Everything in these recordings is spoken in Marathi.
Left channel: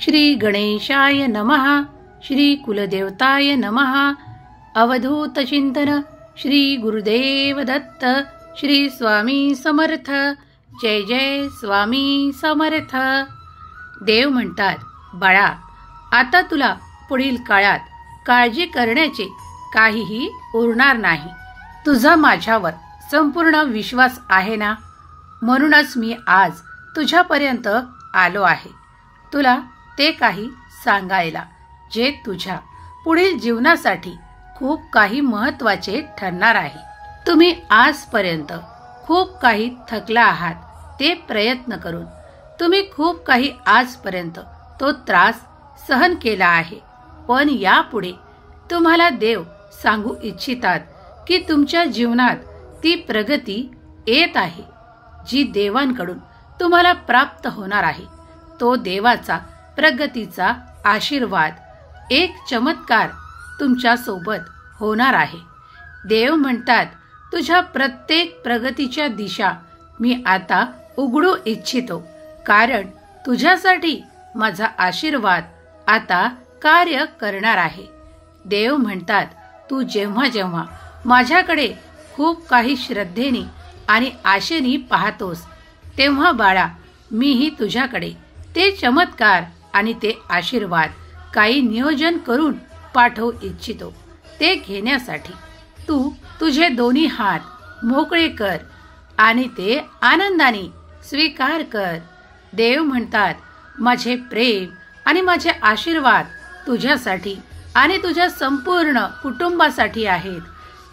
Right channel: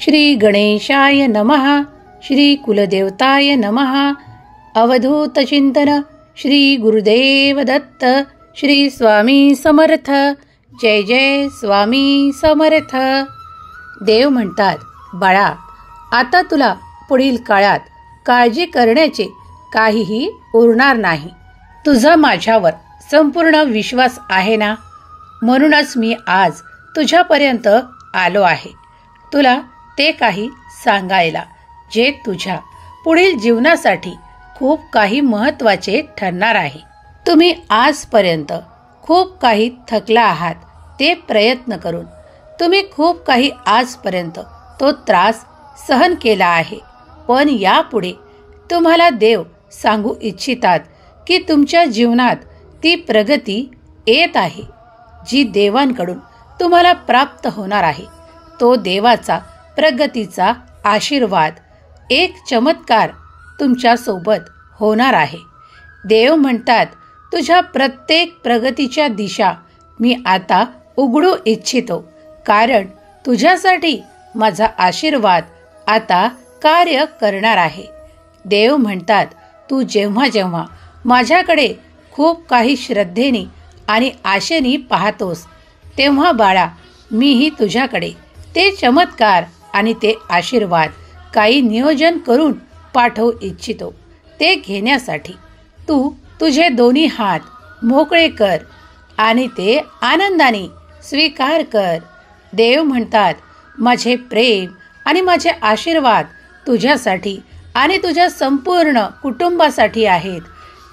श्री गणेशाय नमः. श्री कुलदेवताय नमः. अवधूत चिंतन. श्री गुरुदेव दत्त. श्री स्वामी समर्थ. जय जय स्वामी समर्थ. देव म्हणतात, बाळा, आता तुला पुढील काळात काळजी करण्याचे काहीही उरणार नाही. तुझा माझ्यावर संपूर्ण विश्वास आहे ना, म्हणूनच मी आज तुझ्यापर्यंत आलो आहे, तुला ते काही सांगायला जे तुझ्या पुढील जीवनासाठी खूप काही महत्त्वाचे ठरणार आहे. तुम्ही आजपर्यंत खूप काही थकला आहात ते प्रयत्न करून. तुम्ही खूप काही आजपर्यंत तो त्रास सहन केला आहे, पण यापुढे तुम्हाला देव सांगू इच्छितात की तुमच्या जीवनात ती प्रगती येत आहे जी देवांकडून तुम्हाला प्राप्त होणार आहे. तो देवाचा प्रगतीचा आशीर्वाद, एक चमत्कार तुमच्या सोबत होणार आहे. देव म्हणतात, तुझ्या प्रत्येक प्रगतीच्या दिशा मी आता उघडू इच्छितो, कारण तुझ्यासाठी माझा आशीर्वाद आता कार्य करणार आहे. देव म्हणतात, तू जेव्हा जेव्हा माझ्याकडे खूप काही श्रद्धेने आणि आशेने पाहतोस, तेव्हा बाळा, मीही तुझ्याकडे ते चमत्कार आणि ते आशीर्वाद काही नियोजन करून पाठवू इच्छितो. ते घेण्यासाठी तू तुझे दोन्ही हात मोकळे कर आणि ते आनंदाने स्वीकार कर. देव म्हणतात, माझे प्रेम आणि माझे आशीर्वाद तुझ्यासाठी आणि तुझ्या संपूर्ण कुटुंबासाठी आहेत.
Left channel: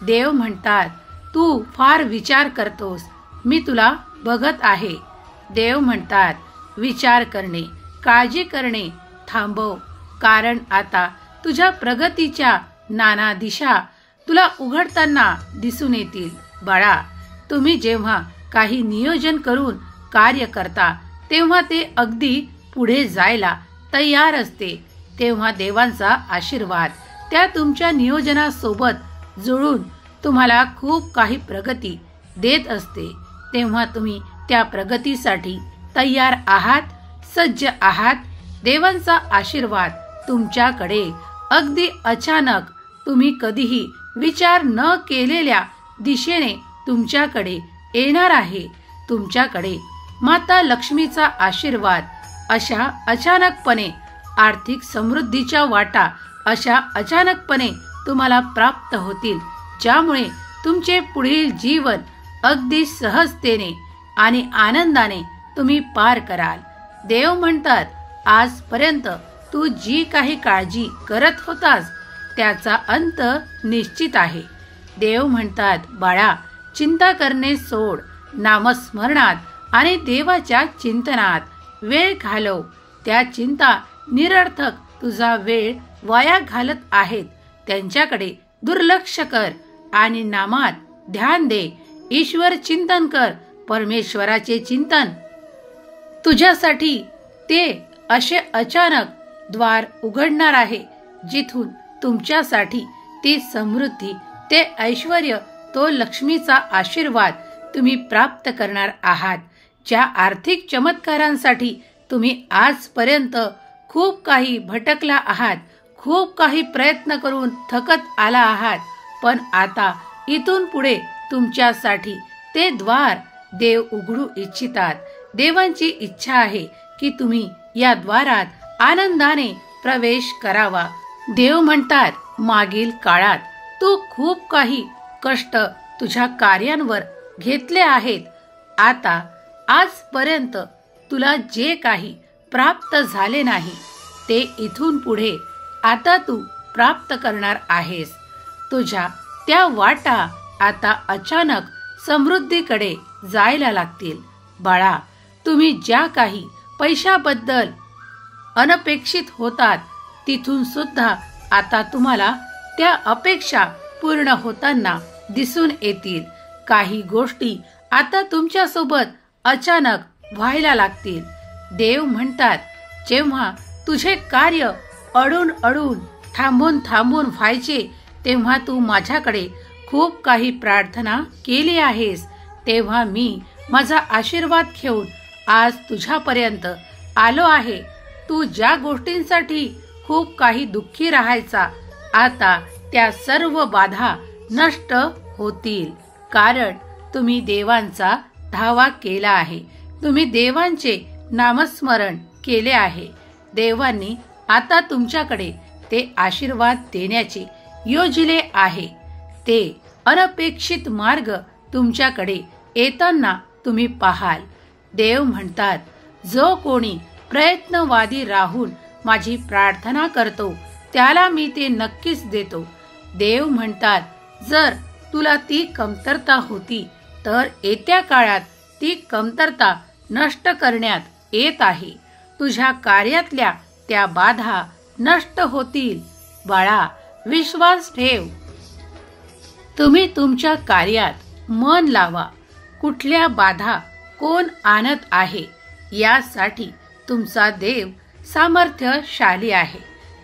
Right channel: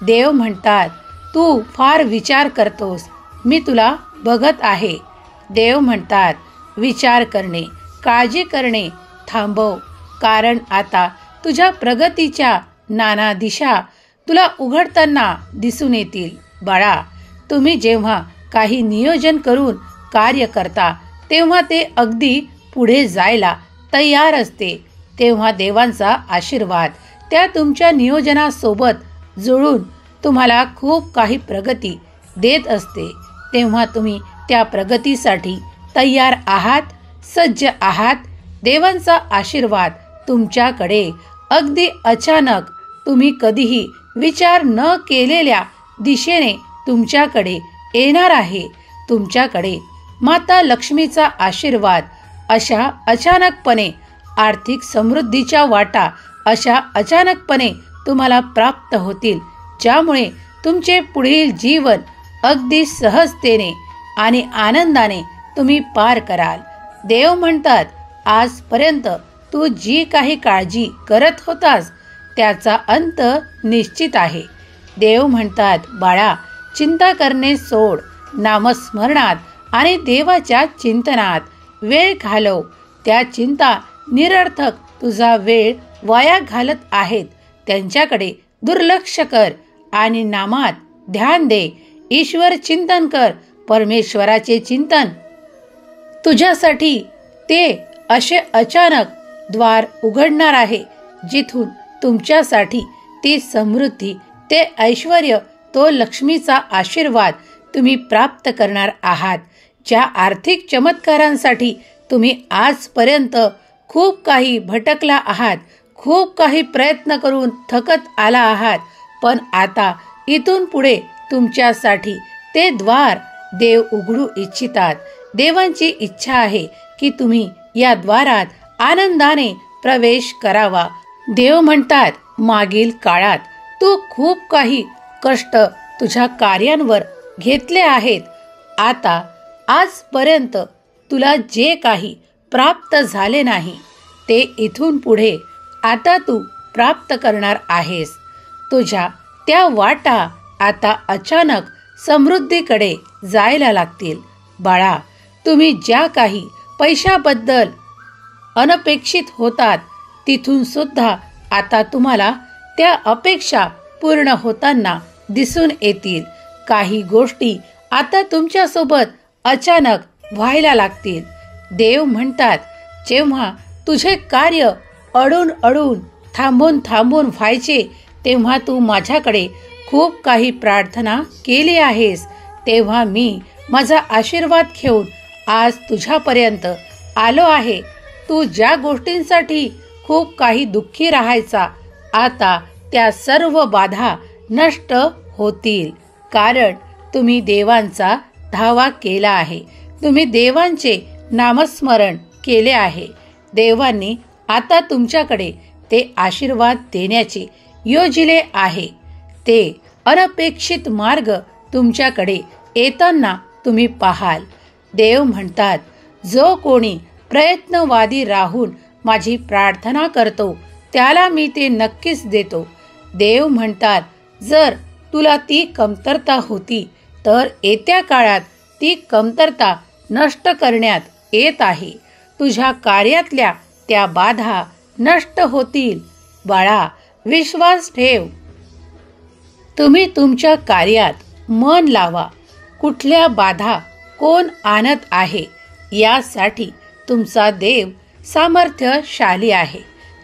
देव म्हणतात, तू फार विचार करतोस, मी तुला बघत आहे. देव म्हणतात, विचार करणे, काळजी करणे थांबव, कारण आता तुझ्या प्रगतीच्या नाना दिशा तुला उघडताना दिसून येतील. बाळा, तुम्ही जेव्हा काही नियोजन करून कार्य करता तेव्हा ते अगदी पुढे जायला तयार असते, तेव्हा देवांचा आशीर्वाद त्या तुमच्या नियोजनासोबत जुळून तुम्हाला खूप काही प्रगती देत असते. तेव्हा तुम्ही त्या प्रगतीसाठी तयार आहात, सज्ज आहात. देवांचा आशीर्वाद तुमच्याकडे अगदी अचानक, तुम्ही कधीही विचार न केलेल्या दिशेने तुमच्याकडे येणार आहे. तुमच्याकडे माता लक्ष्मीचा आशीर्वाद अशा अचानकपणे, आर्थिक समृद्धीच्या वाटा अशा अचानकपणे तुम्हाला प्राप्त होतील, ज्यामुळे तुमचे पुढील जीवन अगदी सहजतेने आणि आनंदाने तुम्ही पार कराल. देव म्हणतात, आजपर्यंत तू जी काही काळजी करत होतास त्याचा अंत निश्चित आहे. देव म्हणतात, बाळा, चिंता करणे सोड, नामस्मरणात आणि देवाच्या चिंतनात वेळ घालव. त्या चिंता निरर्थक तुझा वेळ वाया घालत आहेत, त्यांच्याकडे दुर्लक्ष कर आणि नामात ध्यान दे. ईश्वर चिंतन कर. परमेश्वराचे चिंतन तुझ्यासाठी ते असे अचानक द्वार उघडणार आहे जिथून तुमच्यासाठी ती समृद्धी, ते ऐश्वर्य, तो लक्ष्मीचा आशीर्वाद तुम्ही प्राप्त करणार आहात. ज्या आर्थिक चमत्कारांसाठी तुम्ही आजपर्यंत खूप काही भटकला आहात, खूप काही प्रयत्न करून थकत आला आहात, पण आता इथून पुढे तुमच्यासाठी ते द्वार देव उघडू इच्छितात. देवांची इच्छा आहे की तुम्ही या द्वारात आनंदाने प्रवेश करावा. देव म्हणतात, मागील काळात तू खूप काही कष्ट तुझ्या कार्यांवर घेतले आहेत. आता आजपर्यंत तुला जे काही प्राप्त झाले नाही ते इथून पुढे आता तू प्राप्त करणार आहेस. तुझ्या त्या वाटा आता अचानक समृद्धीकडे जायला लागतील. बाळा, तुम्ही ज्या काही पैशाबद्दल अनपेक्षित होतात तिथून सुद्धा आता तुम्हाला त्या अपेक्षा पूर्ण होताना दिसून येतील. काही गोष्टी आता तुमच्यासोबत अचानक व्हायला लागतील. देव म्हणतात, जेव्हा तुझे कार्य अडून थांबून व्हायचे तेव्हा तू माझ्याकडे खूप काही प्रार्थना केली आहेस, तेव्हा मी माझा आशीर्वाद घेऊन आज तुझ्यापर्यंत आलो आहे. तू ज्या गोष्टींसाठी खूप काही दुःखी राहायचा, आता त्या सर्व बाधा नष्ट होतील. कारण तुम्ही देवांचा धावा केला आहे. तुम्ही देवांचे नामस्मरण केले आहे. देवांनी आता तुमच्याकडे ते आशीर्वाद देण्याचे योजिले आहे. ते अनपेक्षित मार्ग तुमच्याकडे येताना तुम्ही पाहाल. देव म्हणतात, जो कोणी प्रयत्नवादी राहून माझी प्रार्थना करतो त्याला मी ते नक्कीच देतो. देव म्हणतात, जर तुला ती कमतरता होती तर येत्या काळात ती कमतरता नष्ट करण्यात येत आहे. तुझ्या कार्यातल्या त्या बाधा नष्ट होतील. बाळा, विश्वास ठेव. तुम्ही तुमच्या कार्यात मन लावा. कुठल्या बाधा कोण आणत आहे यासाठी तुमचा देव सामर्थ्यशाली आहे.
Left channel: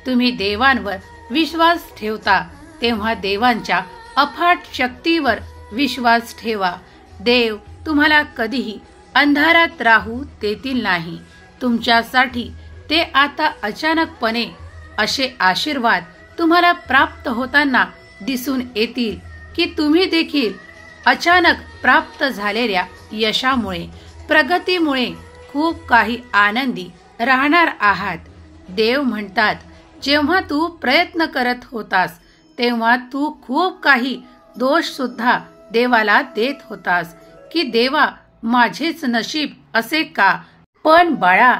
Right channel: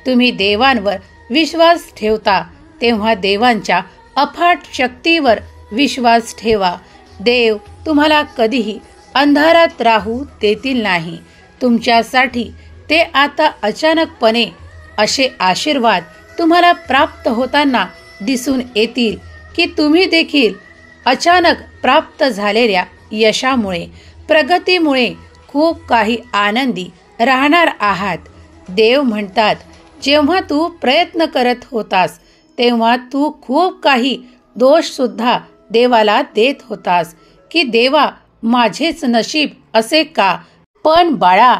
तुम्ही देवांवर विश्वास ठेवता तेव्हा देवांच्या अफाट शक्तीवर विश्वास ठेवा. देव तुम्हाला कधीही अंधारात राहू देतील नाही. तुमच्यासाठी ते आता अचानकपणे असे आशीर्वाद तुम्हाला प्राप्त होताना दिसून येतील की तुम्ही देखील अचानक प्राप्त झालेल्या यशामुळे, प्रगतीमुळे खूप काही आनंदी राहणार आहात. देव म्हणतात, जेव्हा तू प्रयत्न करत होतास तेव्हा तू खूप काही दोष सुद्धा देवाला देत होतास की देवा, माझेच नशीब असे का. पण बाळा,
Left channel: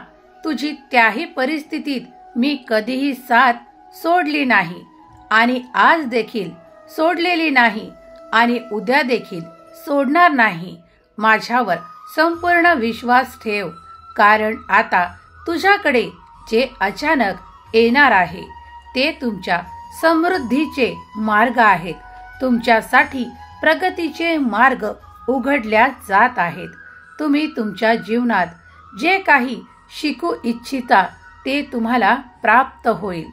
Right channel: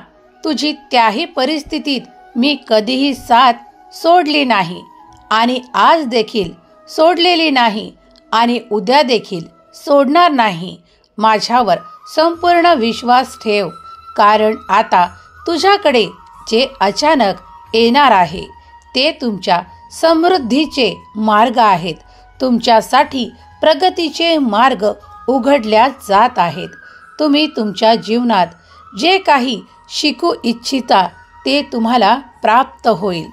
तुझी त्याही परिस्थितीत मी कधीही साथ सोडली नाही आणि आज देखील सोडलेली नाही आणि उद्या देखील सोडणार नाही. माझ्यावर संपूर्ण विश्वास ठेव. कारण आता तुझ्याकडे जे अचानक येणार आहे ते तुमच्या समृद्धीचे मार्ग आहेत. तुमच्यासाठी प्रगतीचे मार्ग उघडल्या जात आहेत. तुम्ही तुमच्या जीवनात जे काही शिकू इच्छिता ते तुम्हाला प्राप्त होईल.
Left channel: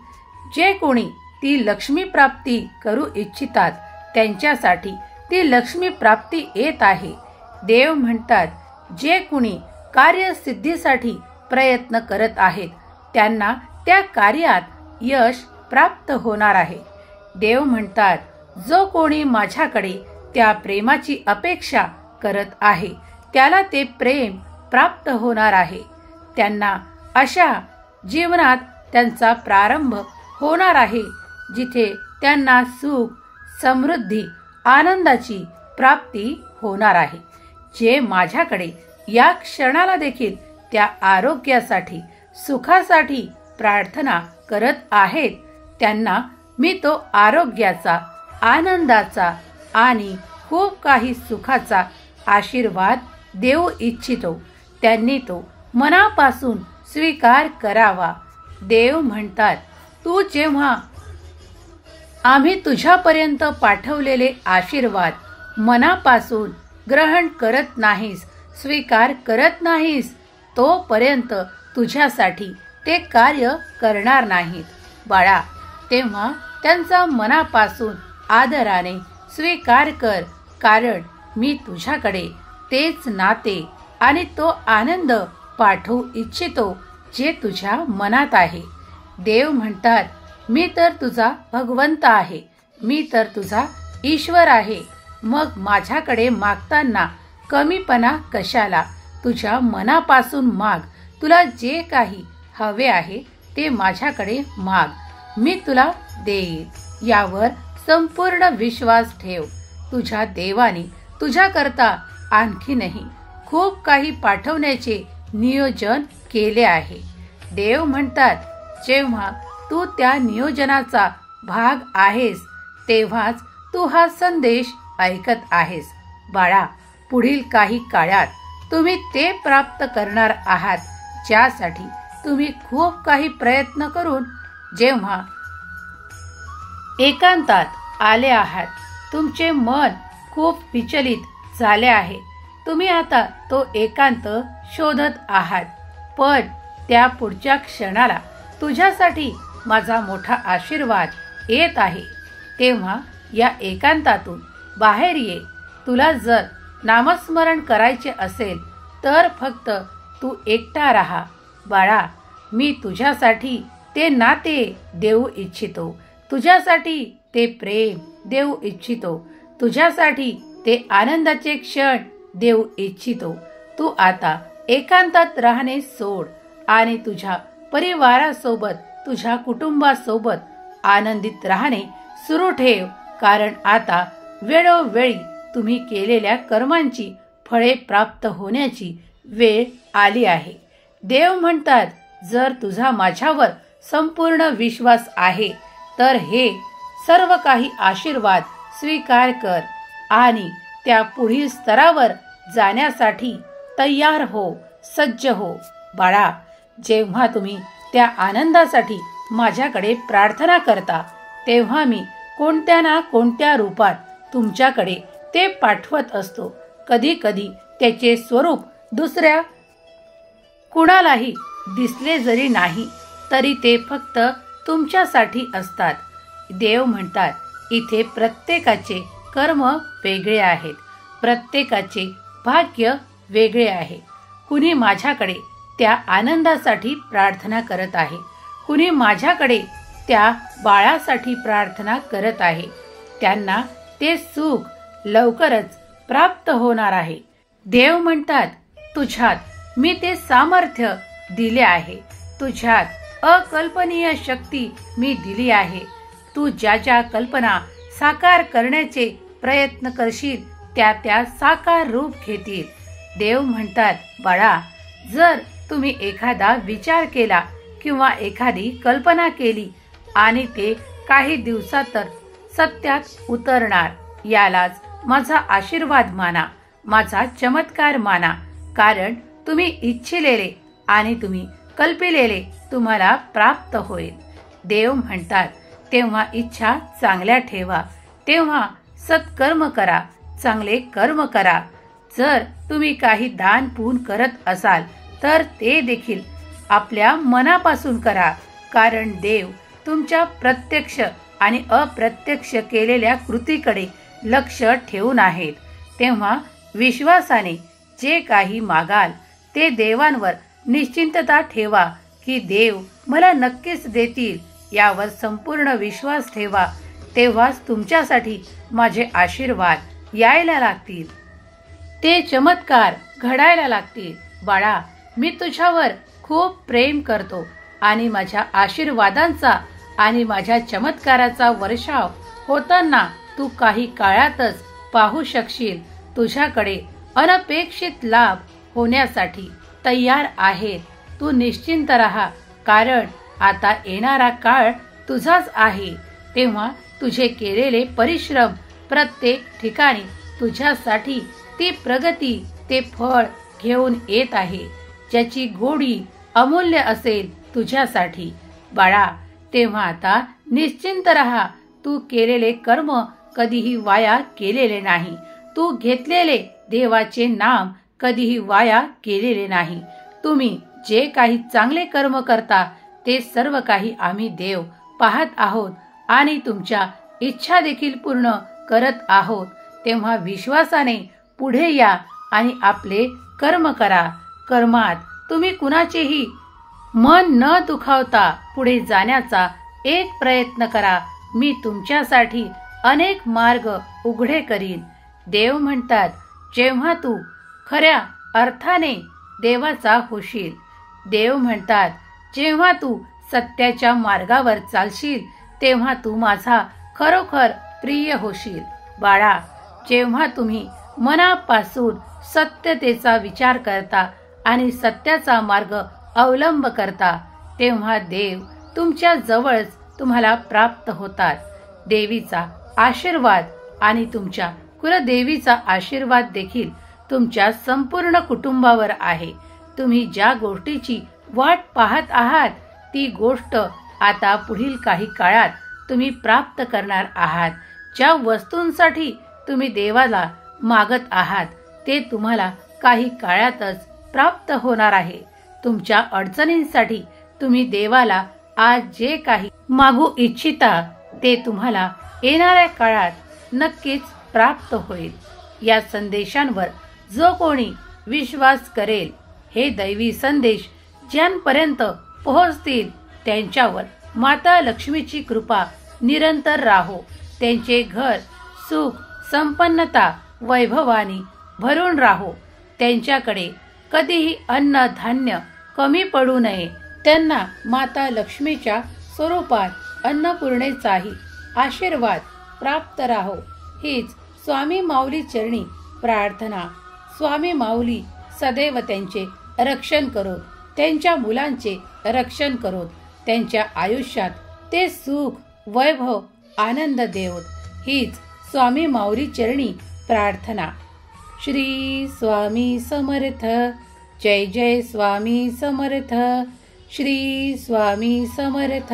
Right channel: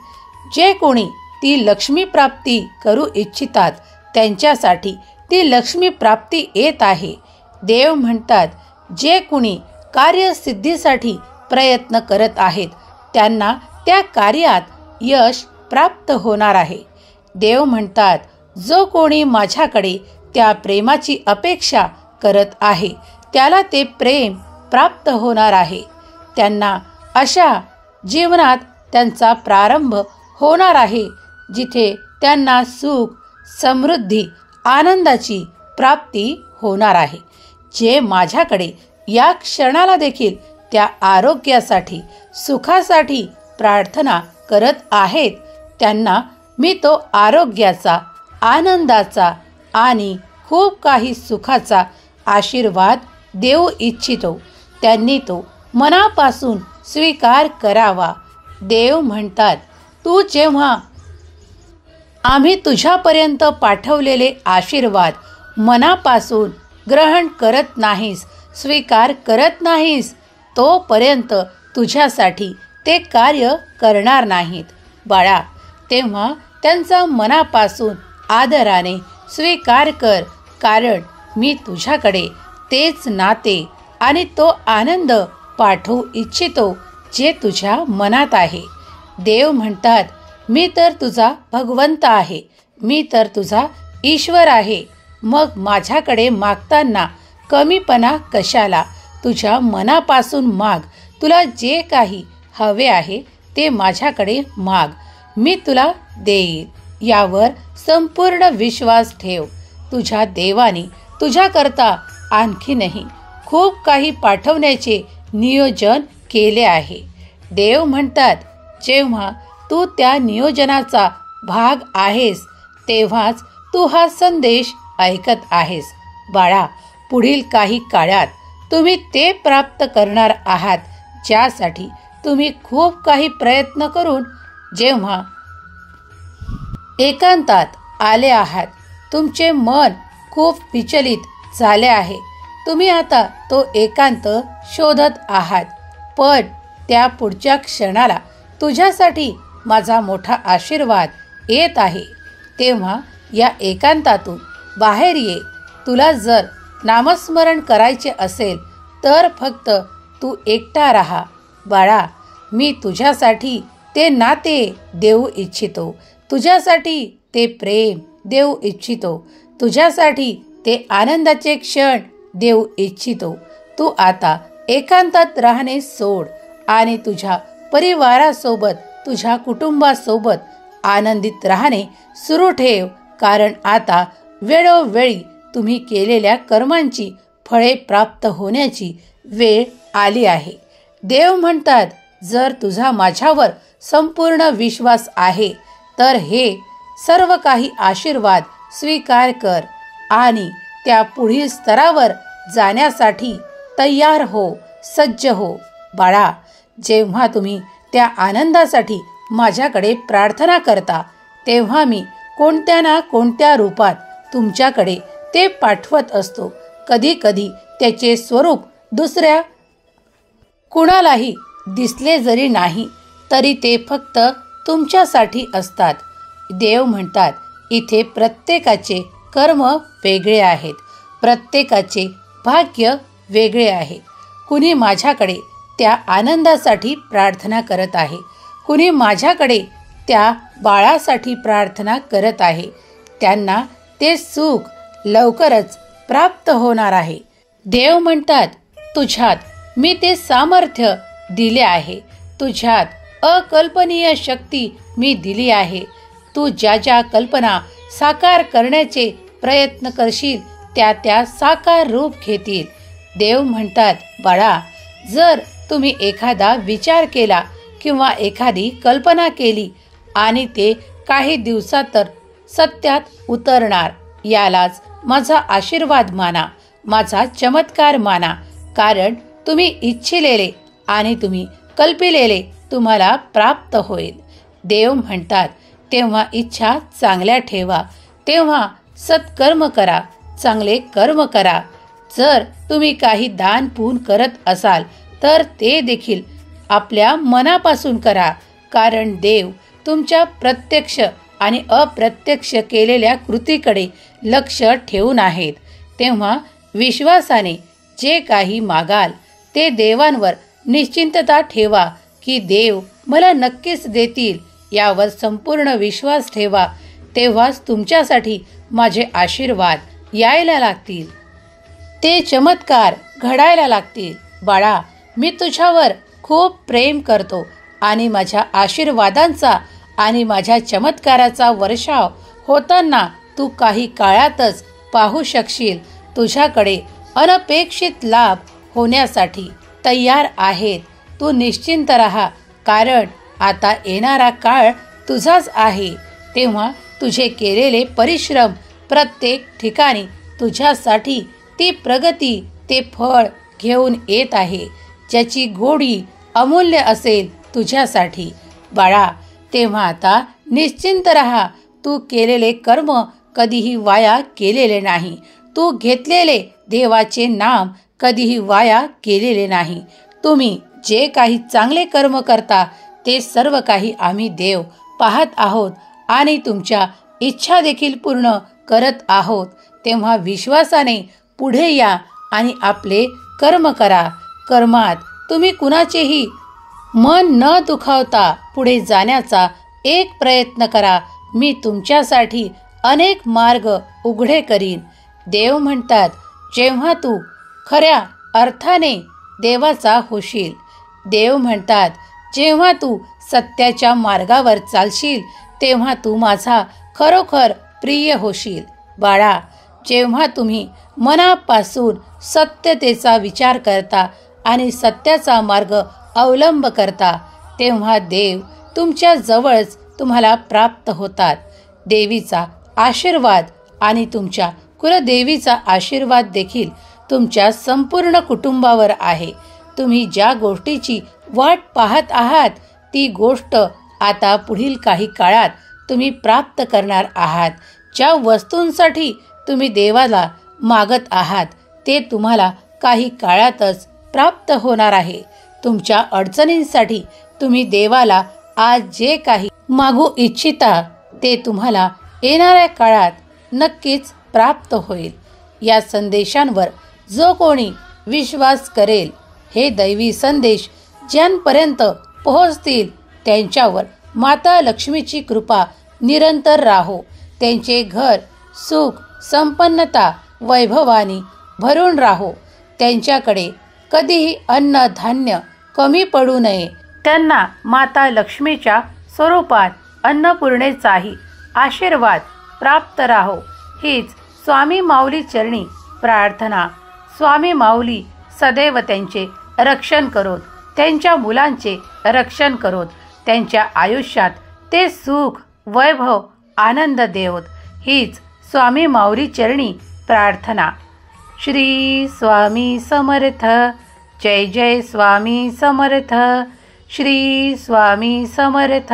जे कोणी ती लक्ष्मी प्राप्ती करू इच्छितात त्यांच्यासाठी ती लक्ष्मी प्राप्ती येत आहे. देव म्हणतात, जे कोणी कार्यसिद्धीसाठी प्रयत्न करत आहेत त्यांना त्या कार्यात यश प्राप्त होणार आहे. देव म्हणतात, जो कोणी माझ्याकडे त्या प्रेमाची अपेक्षा करत आहे त्याला ते प्रेम प्राप्त होणार आहे. त्यांना अशा जीवनात त्यांचा प्रारंभ होणार आहे जिथे त्यांना सुख, समृद्धी, आनंदाची प्राप्ती होणार आहे. जे माझ्याकडे या क्षणाला देखील त्या आरोग्यासाठी, सुखासाठी प्रार्थना करत आहेत त्यांना मी तो आरोग्याचा, आनंदाचा आणि खूप काही सुखाचा आशीर्वाद देऊ इच्छितो. त्यांनी तो मनापासून स्वीकार करावा. देव म्हणतात, तू जेव्हा आम्ही तुझ्यापर्यंत पाठवलेले आशीर्वाद मनापासून ग्रहण करत नाहीस, स्वीकार करत नाहीस, तोपर्यंत तुझ्यासाठी ते कार्य करणार नाहीत. बाळा, तेव्हा त्यांचा मनापासून आदराने स्वीकार कर. कारण मी तुझ्याकडे तेच नाते आणि तो आनंद पाठवू इच्छितो जे तुझ्या मनात आहे. देव म्हणतात, मी तर तुझा भगवंत आहे, मी तर तुझा ईश्वर आहे. मग माझ्याकडे मागताना कमीपणा कशाला. तुझ्या मनापासून माग. तुला जे काही हवे आहे ते माझ्याकडे माग, मी तुला देईल. यावर संपूर्ण विश्वास ठेव. तुझ्या देवाने तुझ्याकरता आणखीनही खूप काही पाठवण्याचे नियोजन केले आहे. देव म्हणतात, जेव्हा तू त्या नियोजनाचा भाग आहेस तेव्हाच तू हा संदेश ऐकत आहेस. बाळा, पुढील काही काळात तुम्ही ते प्राप्त करणार आहात ज्यासाठी तुम्ही खूप काही प्रयत्न करून जेव्हा एकांतात आले आहात, तुमचे मन खूप विचलित झाले आहे. तुम्ही आता तो एकांत शोधत आहात. पण त्या पुढच्या क्षणाला तुझ्यासाठी माझा मोठा आशीर्वाद येत आहे. तेव्हा या एकांतातून बाहेर ये. तुला जर नामस्मरण करायचे असेल तर फक्त तू एकटा राहा. बाळा, मी तुझ्यासाठी ते नाते देऊ इच्छितो, तुझ्यासाठी ते प्रेम देऊ इच्छितो, तुझ्यासाठी ते आनंदाचे क्षण देऊ इच्छितो. तू आता एकांतात राहणे सोड आणि तुझ्या परिवारासोबत, तुझ्या कुटुंबासोबत आनंदित राहणे सुरू ठेव. कारण आता वेळोवेळी तुम्ही केलेल्या कर्मांची फळे प्राप्त होण्याची वेळ आली आहे. देव म्हणतात, जर तुझा माझ्यावर संपूर्ण विश्वास आहे तर हे सर्व काही आशीर्वाद स्वीकार कर आणि त्या पुढील स्तरावर जाण्यासाठी तयार हो, सज्ज हो. बाळा, जेव्हा तुम्ही त्या आनंदासाठी माझ्याकडे प्रार्थना करता तेव्हा मी कोणत्या ना कोणत्या रूपात तुमच्याकडे ते पाठवत असतो. कधी कधी त्याचे स्वरूप दुसऱ्या कुणालाही दिसले जरी नाही तरी ते फक्त तुमच्यासाठी असतात. देव म्हणतात, इथे प्रत्येकाचे कर्म वेगळे आहेत, प्रत्येकाचे भाग्य वेगळे आहे. कुणी माझ्याकडे त्या आनंदासाठी प्रार्थना करत आहे, कुणी माझ्याकडे त्या बाळासाठी प्रार्थना करत आहे. त्यांना ते सुख लवकरच प्राप्त होणार आहे. देव म्हणतात, तुझ्यात मी ते सामर्थ्य दिले आहे, तुझ्यात अकल्पनीय शक्ती मी दिली आहे. तू ज्या ज्या कल्पना साकार करण्याचे प्रयत्न करशील त्या त्या साकार रूप घेतील. देव म्हणतात, बाळा, जर तुम्ही एखादा विचार केला किंवा एखादी कल्पना केली आणि ते काही दिवसात तर सत्यात उतरणार, यालाच माझा आशीर्वाद माना, माझा चमत्कार माना. कारण तुम्ही इच्छिलेले आणि तुम्ही कल्पिलेले तुम्हाला प्राप्त होईल. देव म्हणतात, तेव्हा इच्छा चांगल्या ठेवा, तेव्हा सत्कर्म करा, चांगले कर्म करा. जर तुम्ही काही दान पुण्य करत असाल तर ते देखील आपल्या मनापासून करा. कारण देव तुमच्या प्रत्यक्ष आणि अप्रत्यक्ष केलेल्या कृतीकडे लक्ष ठेवून आहेत. तेव्हा विश्वासाने जे काही मागाल ते देवांवर निश्चिंतता ठेवा की देव मला नक्कीच देतील, यावर संपूर्ण विश्वास ठेवा. तेव्हाच तुमच्यासाठी माझे आशीर्वाद यायला लागतील, ते चमत्कार घडायला लागतील. बाळा, मी तुझ्यावर खूप प्रेम करतो आणि माझ्या आशीर्वादांचा आणि माझ्या चमत्काराचा वर्षाव होताना तू काही काळातच पाहू शकशील. तुझ्याकडे अनपेक्षित लाभ होण्यासाठी तयार आहेत. तू निश्चिंत राहा, कारण आता येणारा काळ तुझाच आहे. तेव्हा तुझे केलेले परिश्रम प्रत्येक ठिकाणी तुझ्यासाठी ती प्रगती, ते फळ घेऊन येत आहे, ज्याची गोडी अमूल्य असेल तुझ्यासाठी. बाळा, तेव्हा आता निश्चिंत राहा. तू केलेले कर्म कधीही वाया केलेले नाही, तू घेतलेले देवाचे नाम कधीही वाया केलेले नाही. तुम्ही जे काही चांगले कर्म करता ते सर्व काही आम्ही देव पाहत आहोत आणि तुमच्या इच्छा देखील पूर्ण करत आहोत. तेव्हा विश्वासाने पुढे या आणि आपले कर्म करा. कर्मात तुम्ही कुणाचेही मन न दुखावता पुढे जाण्याचा एक प्रयत्न करा. मी तुमच्यासाठी अनेक मार्ग उघडे करीन. देव म्हणतात, जेव्हा तू खऱ्या अर्थाने देवाचा होशील. देव म्हणतात, जेव्हा तू सत्याच्या मार्गावर चालशील तेव्हा तू माझा खरोखर प्रिय होशील. बाळा, जेव्हा तुम्ही मनापासून सत्यतेचा विचार करता आणि सत्याचा मार्ग अवलंब करता तेव्हा देव तुमच्या जवळच तुम्हाला प्राप्त होतात. देवीचा आशीर्वाद आणि तुमच्या कुलदेवीचा आशीर्वाद देखील तुमच्या संपूर्ण कुटुंबावर आहे. तुम्ही ज्या गोष्टीची वाट पाहत आहात ती गोष्ट आता पुढील काही काळात तुम्ही प्राप्त करणार आहात. ज्या वस्तूंसाठी तुम्ही देवाला मागत आहात ते तुम्हाला काही काळातच प्राप्त होणार आहे. तुमच्या अडचणींसाठी तुम्ही देवाला आज जे काही मागू इच्छिता ते तुम्हाला येणाऱ्या काळात नक्कीच प्राप्त होईल. या संदेशांवर जो कोणी विश्वास करेल, हे दैवी संदेश ज्यांपर्यंत पोहोचतील त्यांच्यावर माता लक्ष्मीची कृपा निरंतर राहो. त्यांचे घर सुख संपन्नता वैभवानी भरून राहो. त्यांच्याकडे कधीही अन्न धान्य कमी पडू नये. त्यांना माता लक्ष्मीच्या स्वरूपात अन्नपूर्णेचाही आशीर्वाद प्राप्त राहो. हीच स्वामी माऊली चरणी प्रार्थना. स्वामी माऊली सदैव त्यांचे रक्षण करोत, त्यांच्या मुलांचे रक्षण करोत, त्यांच्या आयुष्यात ते सुख वैभव आनंद देवोत. हीच स्वामी माऊली चरणी प्रार्थना. श्री स्वामी समर्थ. जय जय स्वामी समर्थ. श्री स्वामी समर्थ.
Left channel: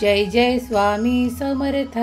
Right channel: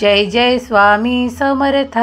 जय जय स्वामी समर्थ.